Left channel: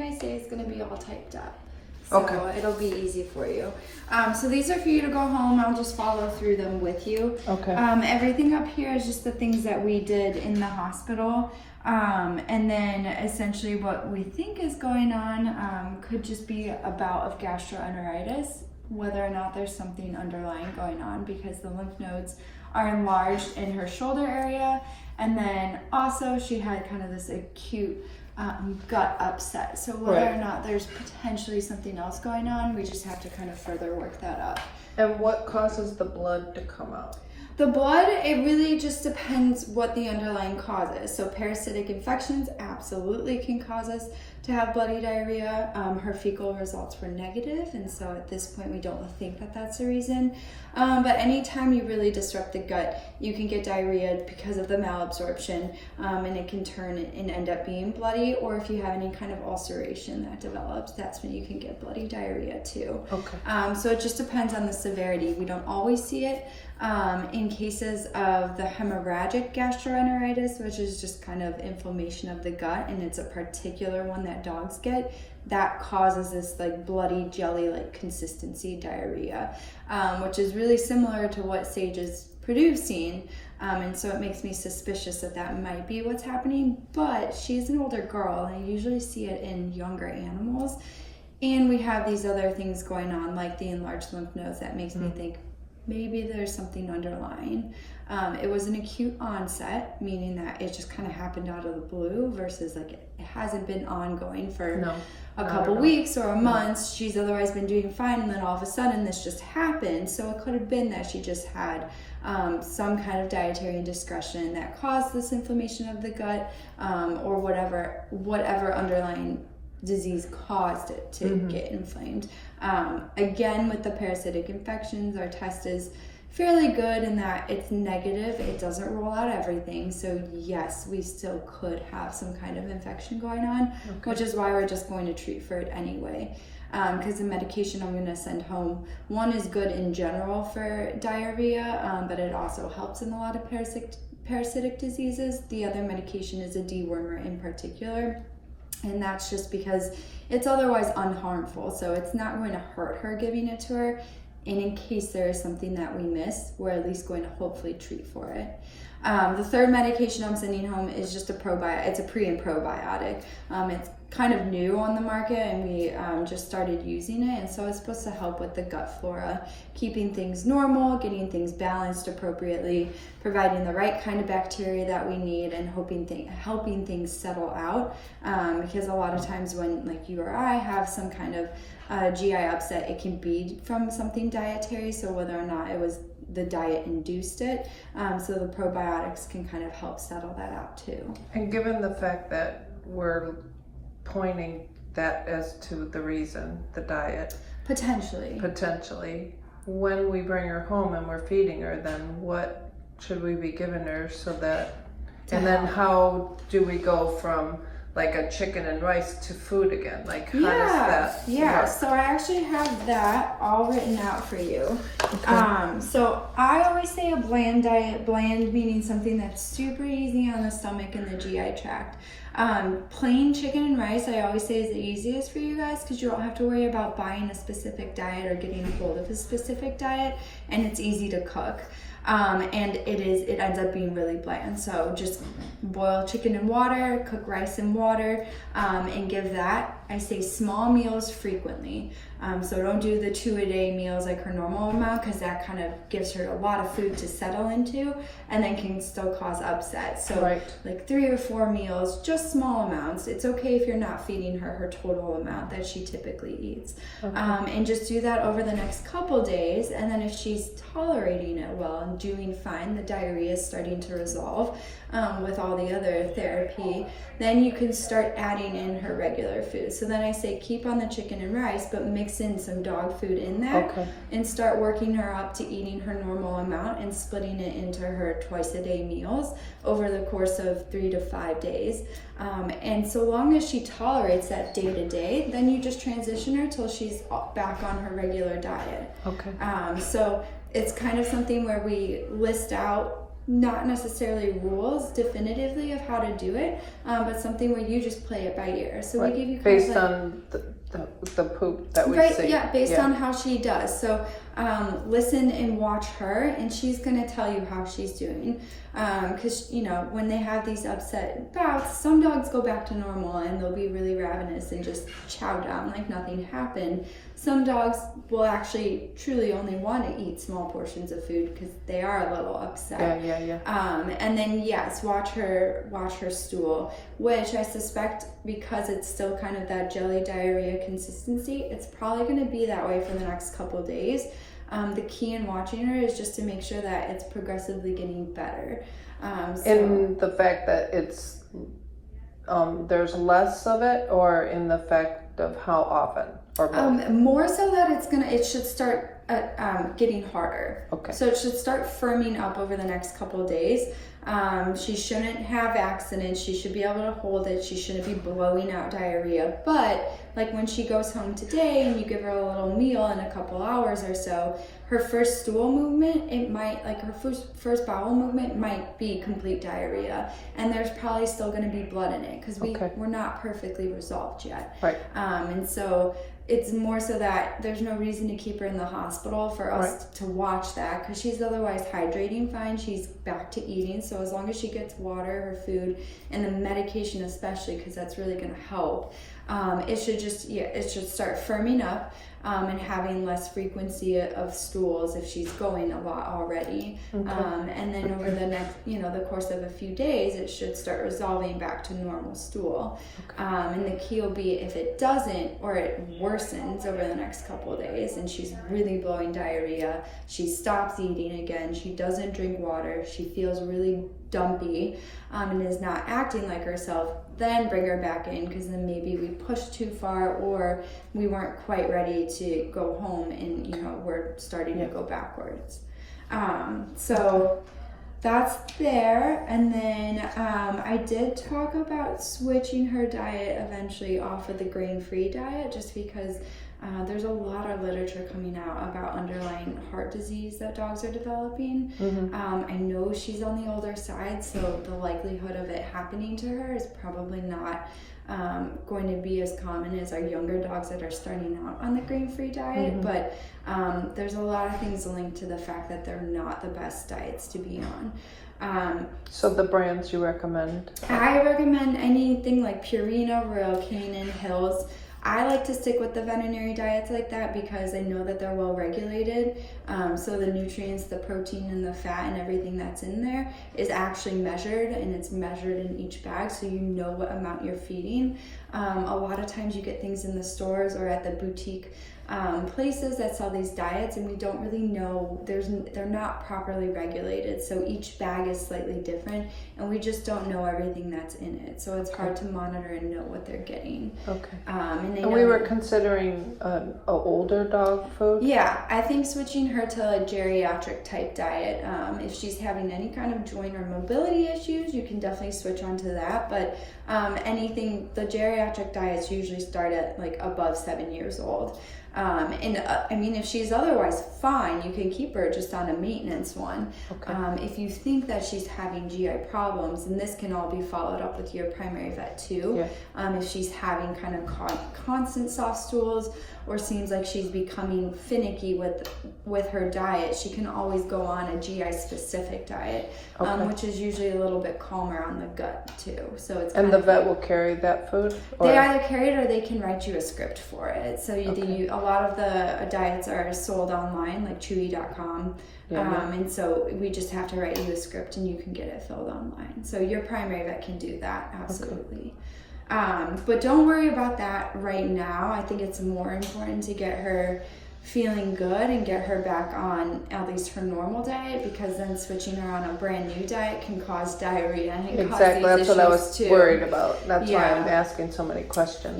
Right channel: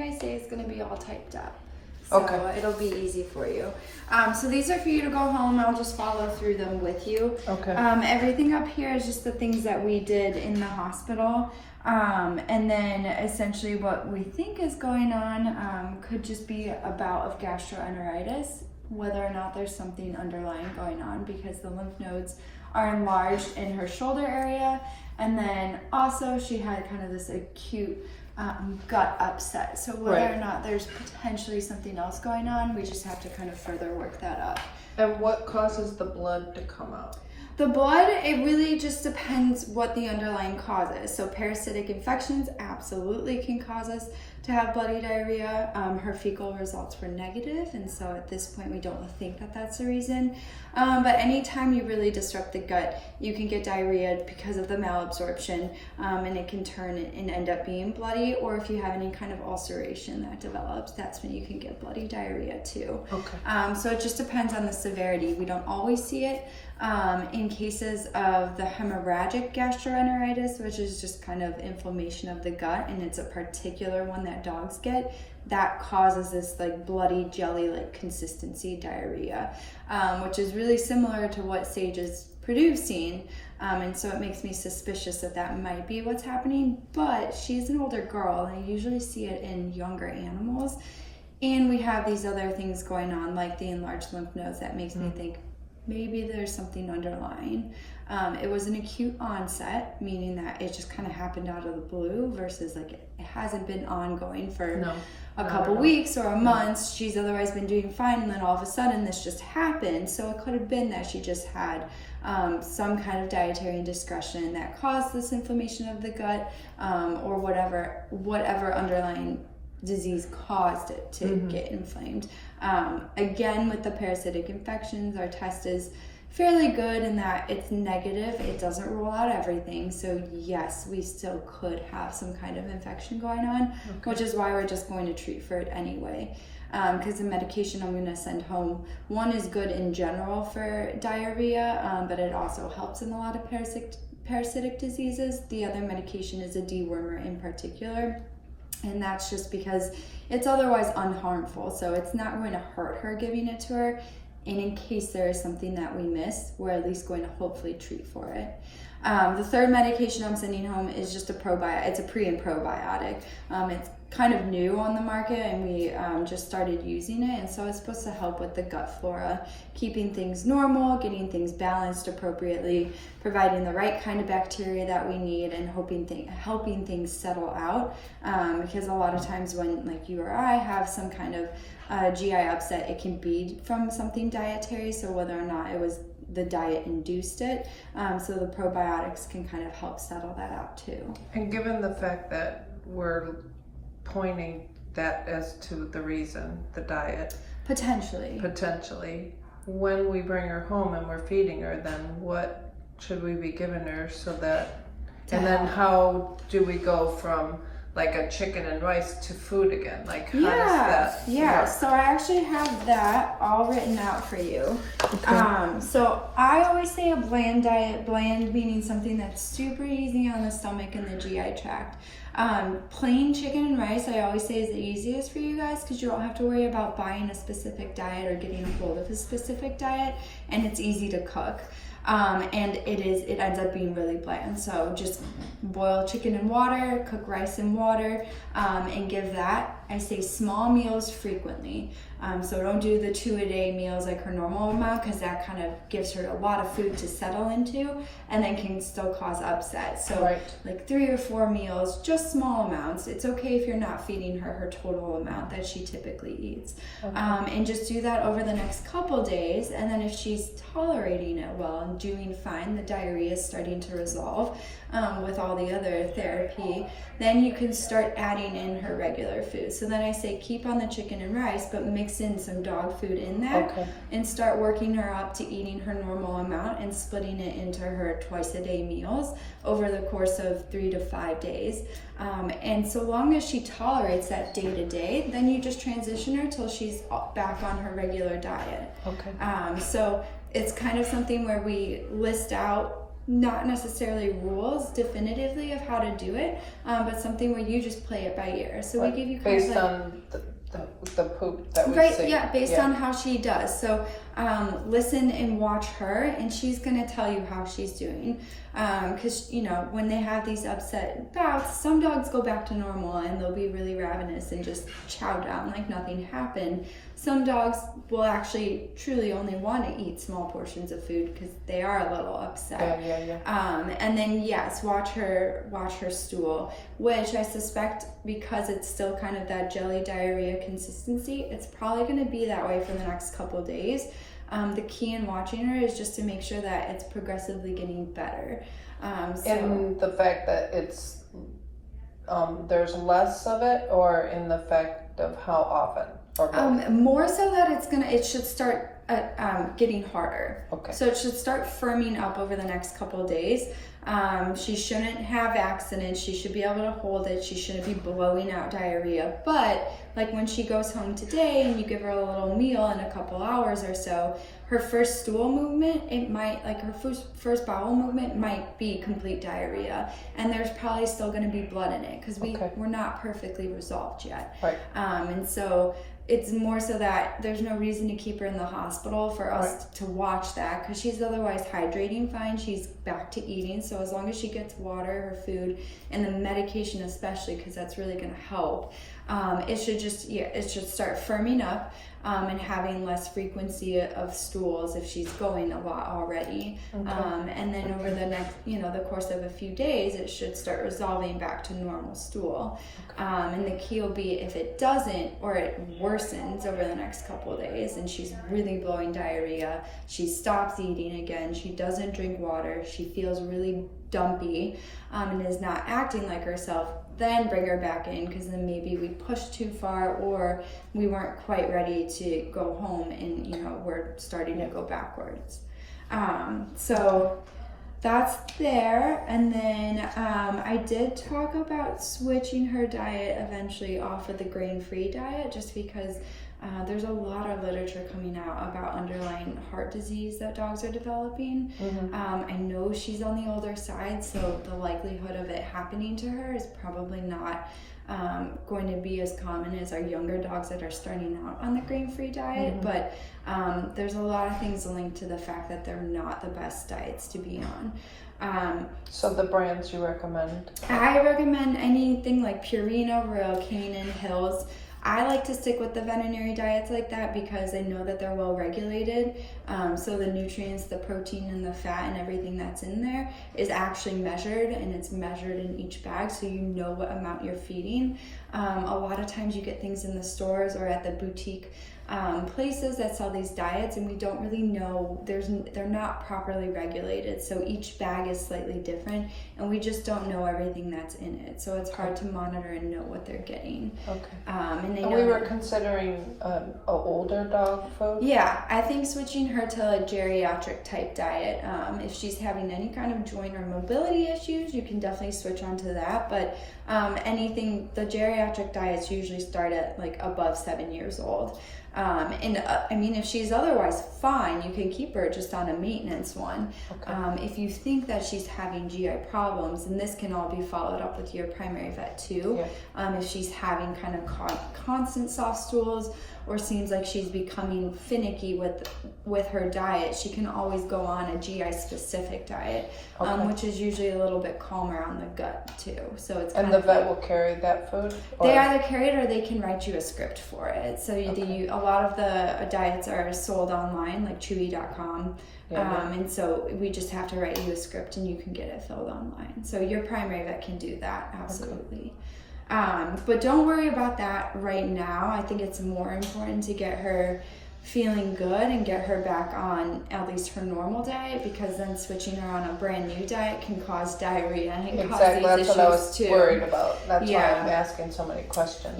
everything I say is going to be all typed up. So Okay. it'll be easy for you. So these are for you to go home. I'll just follow through them with you. Okay. Everything up here is just the things that we did in the hospital. And then essentially what we think is going on could just be a bout of gastroenteritis, whether or not there's something underlying going on, because the lymph nodes are enlarged in her shoulder area. And then also she had kind of this acute gut upset. So whether or not there's potentially something else going on, we just have to kind of further work that up. And what causes the blood to come out? The blood, it really just depends what the underlying cause is. So parasitic infections absolutely can cause us to have bloody diarrhea. Her fecal results were negative, and so at this point we don't think that that's the reason. But anytime you really disrupt the gut, you can get diarrhea because of the malabsorption, and it can turn and end up being bloody. Or if you have any kind of ulceration that develops, that's when you can get bloody diarrhea too. Okay. So it just depends on the severity. We don't always see it. In cases of the hemorrhagic gastroenteritis, which is just kind of inflammation of the gut, and it's a particular one that dogs get, that causes this like bloody jelly-like consistency diarrhea, which is really similar to what Sage is producing. And so it makes me suspicious that that might be what's happening, but she's an older girl, and I usually see it in younger animals. And we have these other things going on, like the enlarged lymph nodes, that makes me think maybe there's something underlying. It was an acute onset, meaning that it just kind of happened out of the blue versus like it hasn't been ongoing for a couple weeks or a month. She's otherwise been doing fine, and then all of a sudden this just happened. So it could have been that she just had some kind of dietary indiscretion that caused this inflammation of the gut, or whatever underlying disease caused it to get inflamed. Again, with the parasitic infections, our test is fairly good in that it's negative. It doesn't rule out everything. So yes, we still could have some kind of infection going on, which is why we're just going to treat for it anyway. Because the medication I'm going to send home, one is good in general for diarrhea, but it also helps in a lot of parasitic diseases. The other medication is a dewormer in particular. And that's just because it's otherwise unharmful. So it's not going to hurt her giving it to her. And in case there is something that we miss, we're at least going to hopefully treat for it. The third medication I'm sending home is just a probiotic. It's a pre and probiotic. It's kind of new on the market, and we just started using it. And so it's supposed to help with the gut flora, keeping things normal, getting things balanced appropriately, providing the right kind of bacteria that we need, and helping things settle out. Because a lot of times when like you or I have some kind of GI upset, it can be from something dietary. So whether or not it was the diet induced it, so the probiotics can kind of help settle that out too. And given the fact that we're pointing that as to the reason, the diet, potentially, when we bring her home and we're feeding her, then what should we be giving her so that, and then how do we go from like a chicken and rice to food again? Like how does that work? So I actually have that all written out for you. Okay. So I always say a bland diet, bland meaning something that's super easy on the stomach and the GI tract. Plain chicken and rice I always say is the easiest for you guys, because you don't have to worry about buying a specific diet or getting a hold of a specific diet, and it's easy to cook. And it ends up being really bland. So just boil chicken in water, cook rice in water, and give that. I say small meals frequently. So don't do the 2-a-day meals like her normal amount, because that kind of gives her a lot of food to settle into, and then can still cause upset. So like 3 or 4 meals, just small amounts. It's okay if you're not feeding her total amount that she typically eats. And just do that over the next couple days. And then if she's tolerating it well and doing fine, the diarrhea is starting to resolve with all the other therapy, then you can start adding in her regular food. So then I say keep on the chicken and rice, but mix in some dog food in that, and start working her up to eating her normal amount and splitting it into her twice-a-day meals over the course of 3 to 5 days. And so long as she tolerates that day to day, then you just transition her till she's back on her regular diet. So it's kind of something where we list out not necessarily rules definitively of how to do it, but something where you just play it by ear. So we give you kind based of on the poop that we see. Yeah, based on how she does. So listen and watch her, and she's going to tell you how she's doing. Because, you know, when they have these upset bouts, some dogs go back to normal and they'll be really ravenous and just chow down like nothing happened. Some dogs will actually truly only want to eat small portions of food because they are a little upset. Yeah. And then yes, watch her stool, which I suspect, because it's still kind of that jelly diarrhea consistency, it's probably going to be that way for the next couple days. The key in watching her is just to make sure that it's progressively getting better. In the fact that it's there's less of it, or in the fact of how often, or more so that it should start getting harder. Okay. So it should start firming up over the next couple of days. She shouldn't have accidents. She should be able to hold it. She shouldn't be blowing out diarrhea. But like when she goes home today and you give her a little meal in a couple hours or so, her first stool movement, it might, like her first bowel movement might be complete diarrhea. And there's probably still going to be blood in it because we're not perfectly resolved yet. Right. And so it's more so that there's no reason to keep her in the hospital for us to watch that, because she's otherwise hydrating fine. She's back to eating. So as long as she gets water, her food, and the medication especially, because that's really going to help, it should start firming up and having less frequency of stools if she's going a lot already. And then over the next, the course of a few days, it should start resolving back to normal stool. And the key will be if it doesn't, or it worsens over the next couple of days and she's really blowing diarrhea, she stops eating again, she doesn't drink water, she feels really dumpy, and is not acting like herself, then bring her back in, because then maybe we pushed too far or we weren't quite ready to go home and we're starting to go backwards. So that's there. And then I did talk about switching her diet eventually off of the grain-free diet, just because there's a lot of literature coming out about underlying heart disease that dogs are developing. I know she's on the older side, so the likelihood of it happening to her is probably not going to be as common as our younger dogs that are starting out on the grain-free diet. But there's a lot of things linked to the fact that they're not the best diets to be on. So the brands you recommend? I recommend anything like Purina, Royal Canin, Hills. I like to stick with the veterinary diets like that because I know that they're well regulated. So the nutrients, the protein, and the fat and everything that's in there is actually measured, and it's measured in each bag, so you know what amount you're feeding. A lot of times you get things in the stores or at the boutique places that sell these diets, and we don't really know, they're not properly regulated, so each bag is slightly different, and we just don't know everything that's in it, so it's hard to monitor and know what they're getting. And we were considering an older dog food. I think switching her to a geriatric type diet, if she's having any kind of joint or mobility issues, you can definitely switch onto that. But the geriatric diets usually start at like above 7 years old. If she's otherwise fine, you can keep her just on a maintenance one. If you think that she's having GI problems, and this can all be followed up with your primary vet too. If she's having kind of constant soft stools, or seems like she's becoming finicky with her diet, she can always go on a GI specific diet, which is usually a little bit calmer on the gut too. So it's the vet will carry that food? They either carry it or they can write you a script for it. So a lot of the diets are sold online, like chewy.com. And so we just have to write you a script and you can get it filled online. So your primary vet can do that, absolutely. But don't worry about that right now. I think it's more important to get her feeling good and get her back on at least her normal diet, because then switching her on a brand new diet can cause diarrhea and cause these That's issues what I was too. worried about. That's why I'm asking so many questions.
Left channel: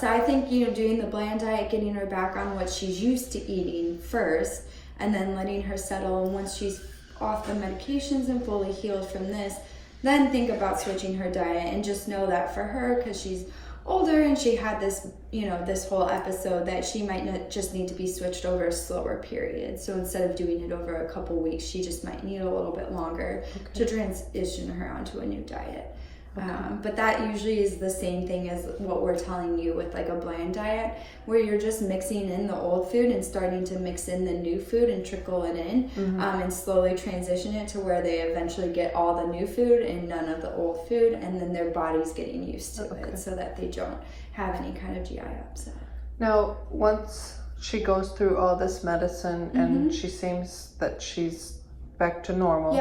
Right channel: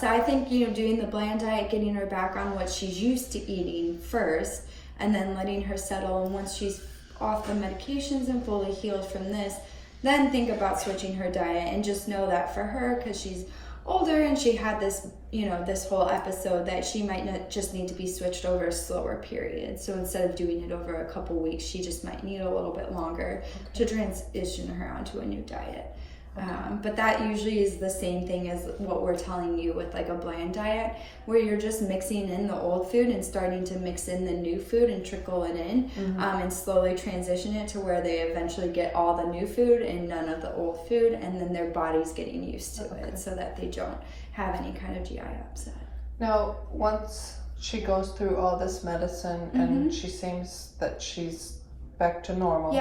So I think doing the bland diet, getting her back on what she's used to eating first, and then letting her settle. And once she's off the medications and fully healed from this, then think about switching her diet, and just know that for her, because she's older and she had this, this whole episode, that she might just need to be switched over a slower period. So instead of doing it over a couple weeks, she just might need a little bit longer to transition her onto a new diet. But that usually is the same thing as what we're telling you with like a bland diet, where you're just mixing in the old food and starting to mix in the new food and trickle it in, and slowly transition it to where they eventually get all the new food and none of the old food, and then their body's getting used to it so that they don't have any kind of GI upset. Now, once she goes through all this medicine and she seems that she's back to normal,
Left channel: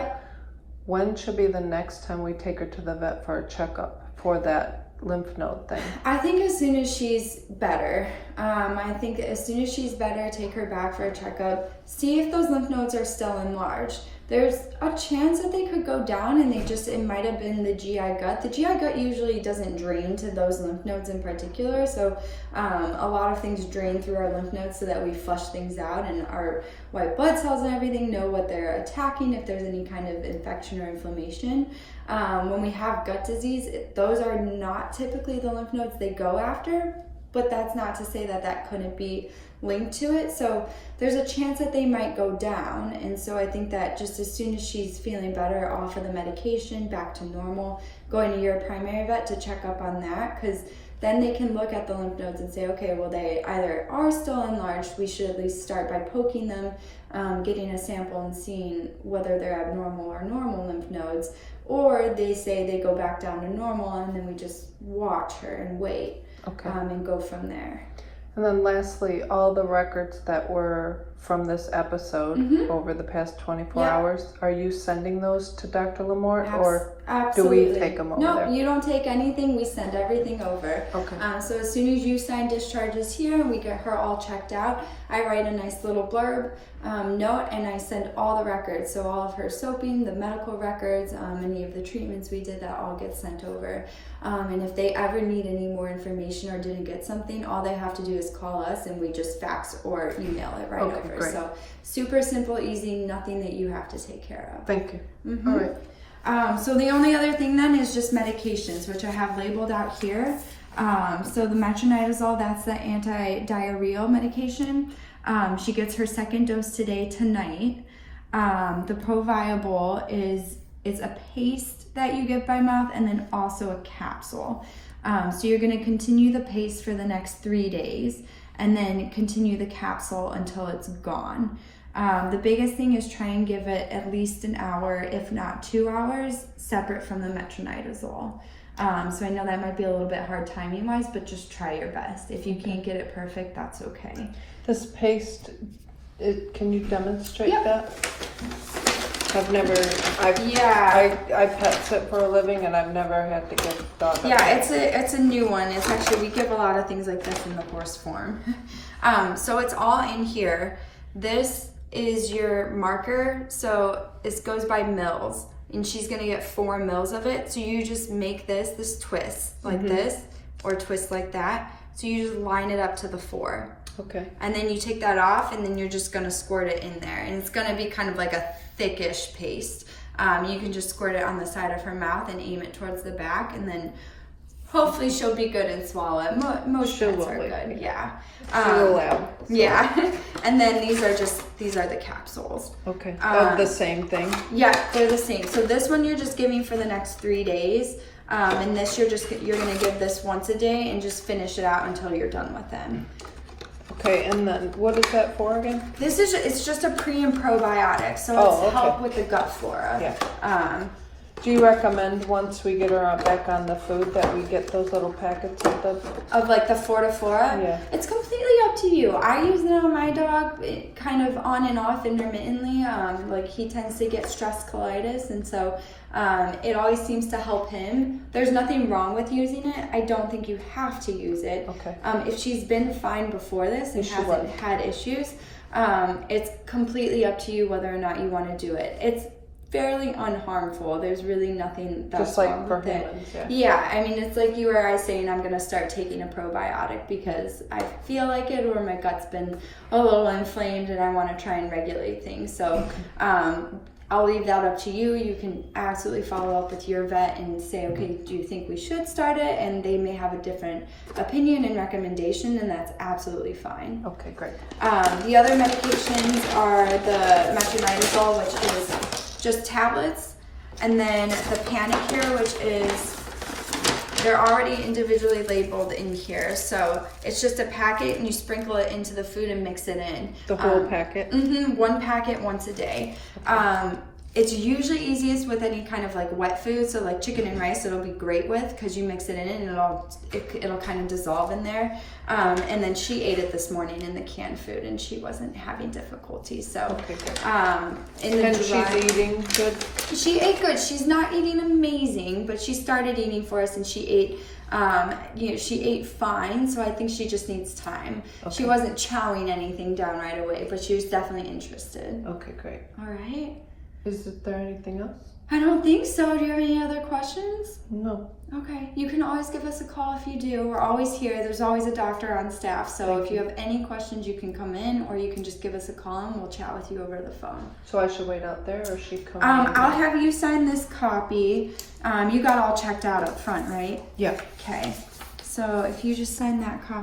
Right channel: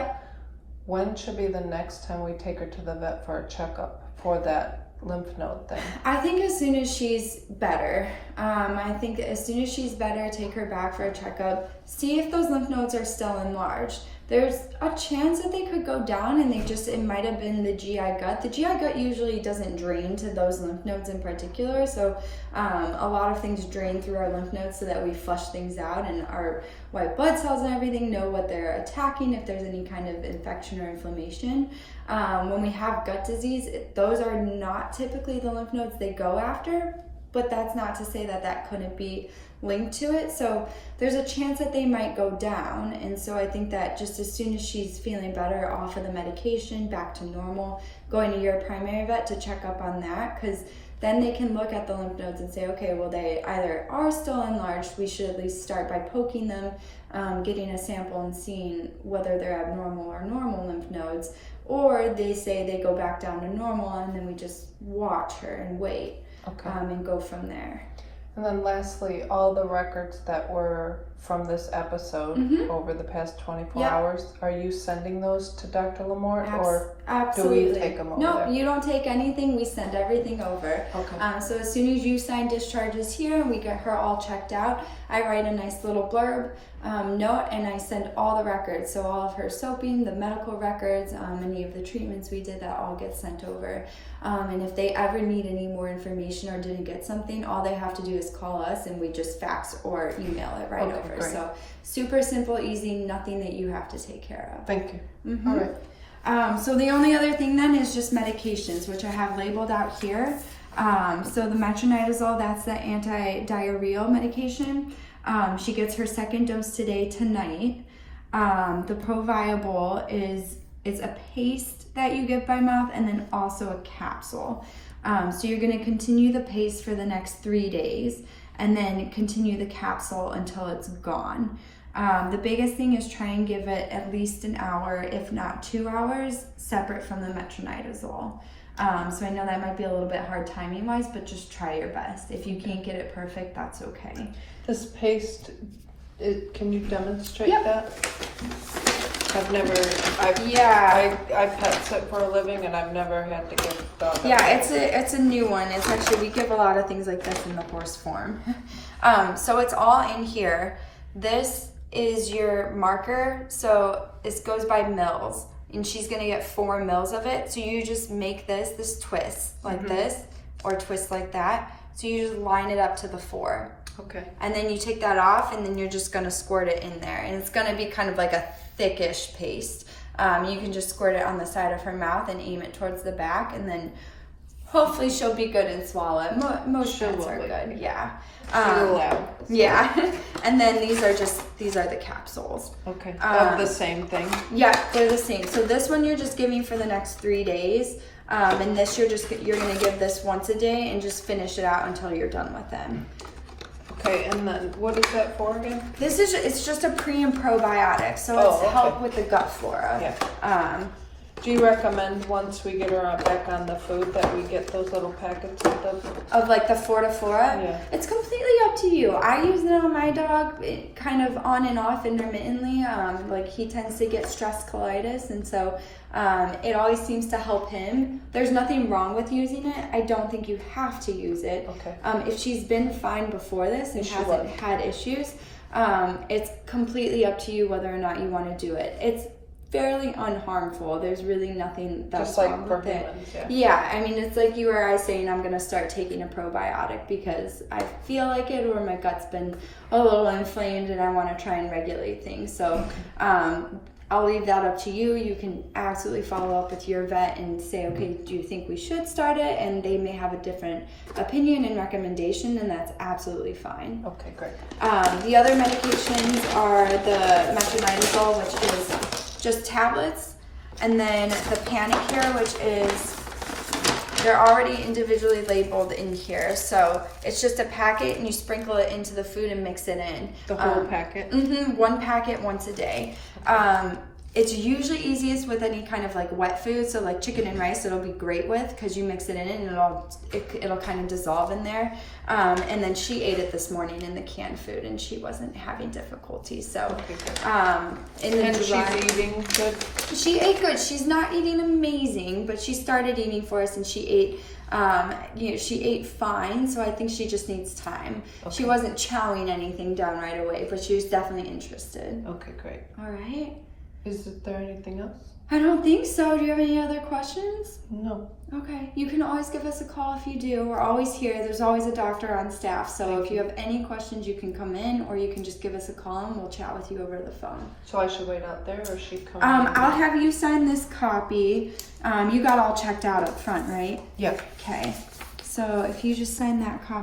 when should be the next time we take her to the vet for a checkup for that lymph node thing? I think as soon as she's better. I think as soon as she's better, take her back for a checkup. See if those lymph nodes are still enlarged. There's a chance that they could go down and it might have been the GI gut. The GI gut usually doesn't drain to those lymph nodes in particular. So a lot of things drain through our lymph nodes so that we flush things out, and our white blood cells and everything know what they're attacking if there's any kind of infection or inflammation. When we have gut disease, those are not typically the lymph nodes they go after, but that's not to say that that couldn't be linked to it. So there's a chance that they might go down. And so I think that just as soon as she's feeling better off of the medication, back to normal, going to your primary vet to check up on that, because then they can look at the lymph nodes and say, okay, well, they either are still enlarged, we should at least start by poking them, getting a sample and seeing whether they're abnormal or normal lymph nodes, or they say they go back down to normal, and then we just watch her and wait, and go from there. And then lastly, all the records that were from this episode over the past 24 hours, are you sending those to Dr. Lamore, or absolutely. do we take them over No, there? you don't take anything. We send everything over. Okay. So as soon as you sign discharges here and we get her all checked out, I write a nice little blurb note, and I send all the records. So all of her soaping, the medical records, any of the treatments we did, that all gets sent over. And if they ever need any more information or didn't get something, all they have to do is call us, and we just fax or email it right over. Great. So super simple, easy, nothing that you have to take care of. Thank you. All right. So the only other thing then is just medications, which I have labeled out here. So the metronidazole, that's the anti-diarrheal medication. She gets her second dose tonight. The Proviable it's a paste that you get by mouth, and then also a capsule. So you're going to continue the paste for the next 3 days, and then continue the capsule until it's gone. The biggest thing is try and give it at least an hour, if not 2 hours, separate from the metronidazole. So I know that might be a little bit hard timing wise, but just try your best. If you can't get it perfect, that's okay. This paste, can you demonstrate that? I pet sit for a living, and I've never had to give dog. Yeah, it's a new one. It's actually, we give a lot of things like this in the horse form. So it's all in here. This is your marker. So this goes by mils, and she's gonna get 4 mils of it. So you just make this twist like this, or twist like that. So you just line it up to the 4. Okay. And then you take that off, and then you're just gonna squirt it in there. And it's gonna be kind of like a thickish paste. You can just squirt it on the side of her mouth and aim it towards the back, and then hopefully she'll be good and swallow it. Most pets are good, yeah. Yeah. And then these are the capsules. Okay. The same thing? Yeah, they're the same. So this one you're just giving for the next 3 days. And this you're gonna give this once a day and just finish it out until you're done with them. Okay, and then what is that for again? It's just a pre and probiotic, so it's help with the gut flora. Yeah. Do you recommend once we get her back on the food that we get those little packets of like the Fortiflora? Yeah. It's completely up to you. I use it on my dog, kind of on and off intermittently. Like he tends to get stress colitis, and so it always seems to help him. There's nothing wrong with using it. I don't think you have to use it. Okay. If she's been fine before this and hasn't had issues, it's completely up to you whether or not you want to do it. It's fairly unharmful. There's really nothing that's just like wrong for with humans, it. Yeah, I mean, it's like you or I saying I'm going to start taking a probiotic because I feel like it, or my gut's been a little inflamed and I want to try and regulate things. So I'll leave that up to you. You can absolutely follow up with your vet and say, okay, do you think we should start it? And they may have a different opinion and recommendation, and that's absolutely fine. Okay, great. The other medications are the metronidazole, which is just tablets, and then the Panicare, which is, they're already individually labeled in here. So it's just a packet and you sprinkle it into the food and mix it in. The whole packet? Mm-hmm, one packet once a day. It's usually easiest with any kind of like wet food, so like chicken and rice it'll be great with, because you mix it in and it'll kind of dissolve in there. And then she ate it this morning in the canned food and she wasn't having difficulty. So okay, good. And she's eating good? She ate good. She's not eating amazing, but she started eating for us and she ate she ate fine, so I think she just needs time. Okay. She wasn't chowing anything down right away, but she was definitely interested. Okay, great. All right. Is there anything else? I don't think so. Do you have any other questions? No. Okay. You can always give us a call if you do. We're always here. There's always a doctor on staff. So if you have any questions, you can come in or you can just give us a call and we'll chat with you over the phone. So I should wait out there or she come I'll have you sign this copy. You got all checked out up front, right? Yeah. Okay. So if you just sign that copy.